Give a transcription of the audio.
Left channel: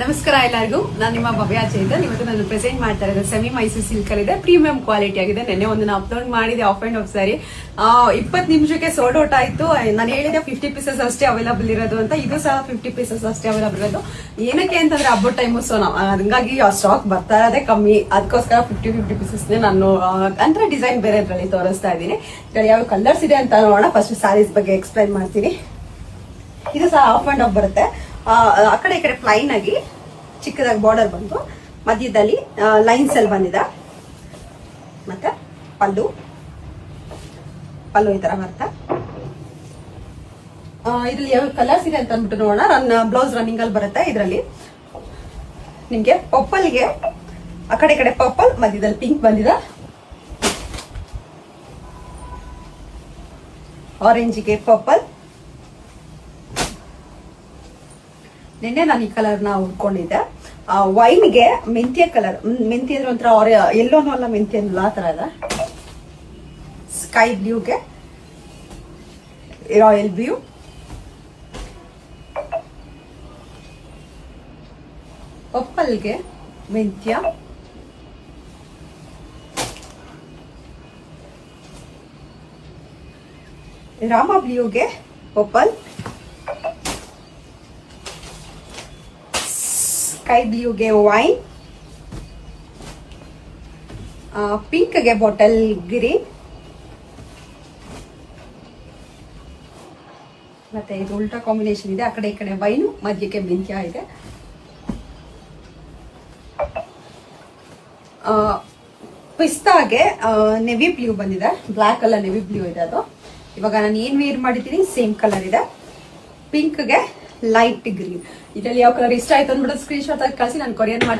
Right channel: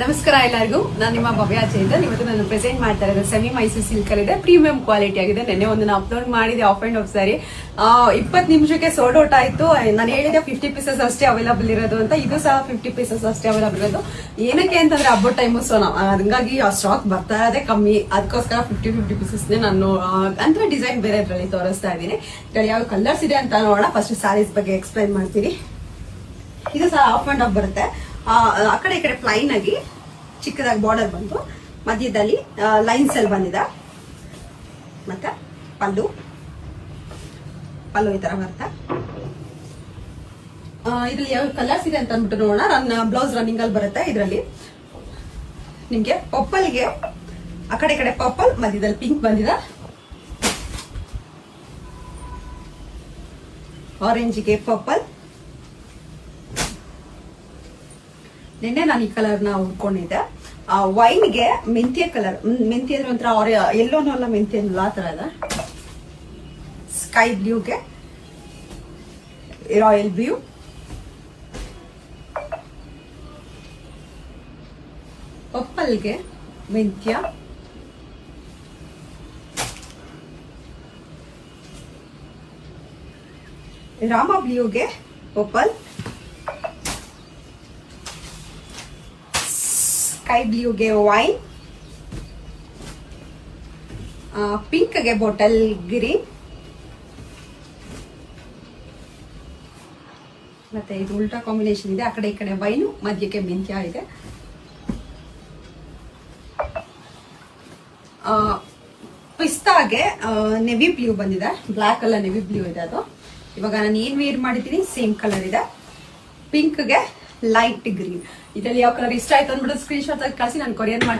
ನಮಸ್ಕಾರ ಎಲ್ಲರಿಗೂ. ನಾನು ನಿಮ್ಮ ಭವ್ಯ ಚೇತನ್. ಇವತ್ತು ನಾನು ಪ್ರೆಸೆಂಟ್ ಮಾಡ್ತಾ ಇರೋದು ಸೆಮಿ ಮೈಸೂರು ಸಿಲ್ಕ್ ಅಲ್ಲಿ ಇದೆ. ಪ್ರೀಮಿಯಂ ಕ್ವಾಲಿಟಿ ಆಗಿದೆ. ನೆನ್ನೆ ಒಂದು ಅಪ್ಲೋಡ್ ಮಾಡಿದೆ ಆಫ್ ಅಂಡ್ ಆಫ್ ಸಾರಿ. 20 ನಿಮಿಷಕ್ಕೆ ಸೋಲ್ಡ್ ಔಟ್ ಆಯ್ತು. ನಾನು ಹೇಳಿದೆ 50 ಪೀಸಸ್ ಅಷ್ಟೇ ಅವೈಲಬಲ್ ಇರೋದು ಅಂತ. ಇದು ಸಹ 50 ಪೀಸಸ್ ಅಷ್ಟೇ ಅವೈಲಬಲ್ ಇರೋದು. ಏನಕ್ಕೆ ಅಂತಂದ್ರೆ ಹಬ್ಬದ ಟೈಮು, ಸೊ ಹಂಗಾಗಿ ಆ ಸ್ಟಾಕ್ ಬರ್ತಾ ಇರೋದೇ ಕಮ್ಮಿ. ಅದಕ್ಕೋಸ್ಕರ 50 ಪೀಸಸ್ ನಾನು ಅಂದ್ರೆ ಡಿಸೈನ್ ಬೇರೆ ಇದ್ರಲ್ಲಿ ತೋರಿಸ್ತಾ ಇದ್ದೀನಿ. ಇದ್ರಲ್ಲಿ ಯಾವ ಕಲರ್ಸ್ ಇದೆ ಅಂತ ನೋಡೋಣ. ಫಸ್ಟ್ ಸ್ಯಾರೀಸ್ ಬಗ್ಗೆ ಎಕ್ಸ್ಪ್ಲೈನ್ ಮಾಡ್ತೀನಿ. ಇದು ಸಹ ಆಫ್ ಅಂಡ್ ಆಫ್ ಬರುತ್ತೆ. ಆ ಕಡೆ ಈ ಕಡೆ ಪ್ಲೈನ್ ಆಗಿ ಚಿಕ್ಕದಾಗಿ ಬಾರ್ಡರ್ ಬಂತು, ಮಧ್ಯದಲ್ಲಿ ಲೈನ್ಸ್ ಅಲ್ಲಿ ಬಂದಿದೆ. ಮತ್ತೆ ಪಲ್ಲು ಈ ತರ ಬರುತ್ತೆ. ಇದ್ರಲ್ಲಿ ಯಾವ ಕಲರ್ಸ್ ಇದೆ ಅಂತ ಅಂದ್ಬಿಟ್ಟು ನೋಡೋಣ. ಬ್ಲೌಸ್ ರನ್ನಿಂಗ್ ಅಲ್ಲಿ ಬರುತ್ತೆ. ಇದರಲ್ಲಿ ನಿಮ್ಗೆ ಪರ್ಪಲ್ಗೆ ಆ ಕಡೆ ಈ ಕಡೆ ಪರ್ಪಲ್, ಮಧ್ಯದಲ್ಲಿ ಪಿಂಕ್ ಬಂದಿದೆ. ಆರೆಂಜ್ಗೆ ಪರ್ಪಲ್. ನಿನ್ನೆ ನಾನು ಈ ಕಲರ್ ನ ಉಟ್ಕೊಂಡಿದ್ದೆ. ವೈನ್ಗೆ ಮೆಂತ್ಯ ಕಲರ್, ಮೆಂತ್ಯ ಅಂದ್ರೆ ಒಂಥರ ಎಲ್ಲೋನೂ ಅಲ್ಲ, ಮೆಂತ್ಯ ಆ ತರ ಇದೆ. ಸ್ಕೈ ಬ್ಲೂಗೆ ರಾಯಲ್ ಬ್ಲೂ, ಪರ್ಪಲ್ಗೆ ಮೆಂತ್ಯ, ರಾಮ ಬ್ಲೂಗೆ ಪರ್ಪಲ್, ಸ್ಕೈ ಬ್ಲೂಗೆ ವೈನ್, ಪಿಂಕ್ಗೆ ಬಾಟಲ್ ಗ್ರೀನ್, ಮತ್ತೆ ಇದು ಉಲ್ಟಾ ಕಾಂಬಿನೇಷನ್ ಇದೆ. ಆ ಕಡೆ ಈ ಕಡೆ ವೈನು, ಮಧ್ಯಕ್ಕೆ ಮೆಂತ್ಯ ಇದೆ. ಪಿಸ್ತಾಗೆ ನೆವಿ ಬ್ಲೂ ಬಂದಿದೆ. ಬ್ಲಾಕ್ ಅಲ್ಲ, ನೆವಿ ಬ್ಲೂ ಇದೆ ಅದು. ಇವಾಗ ನಾನು ಏನ್ ವೇರ್ ಮಾಡಿದ್ದೀನಿ ಸೇಮ್ ಕಲರ್ ಇದೆ. ಪಿಂಕ್ಗೆ ಲೈಟ್ ಗ್ರೀನ್. ಇದರಲ್ಲಿ ಯಾವ ಕಲರ್ ಇಷ್ಟ ಆಯ್ತು ಅಂದ್ಬಿಟ್ಟು ಸ್ಕ್ರೀನ್ ಶಾಟ್ ಕಳಿಸಿ, ನಾನು ಕೊರಿಯರ್ ಮಾಡ್ತೀನಿ.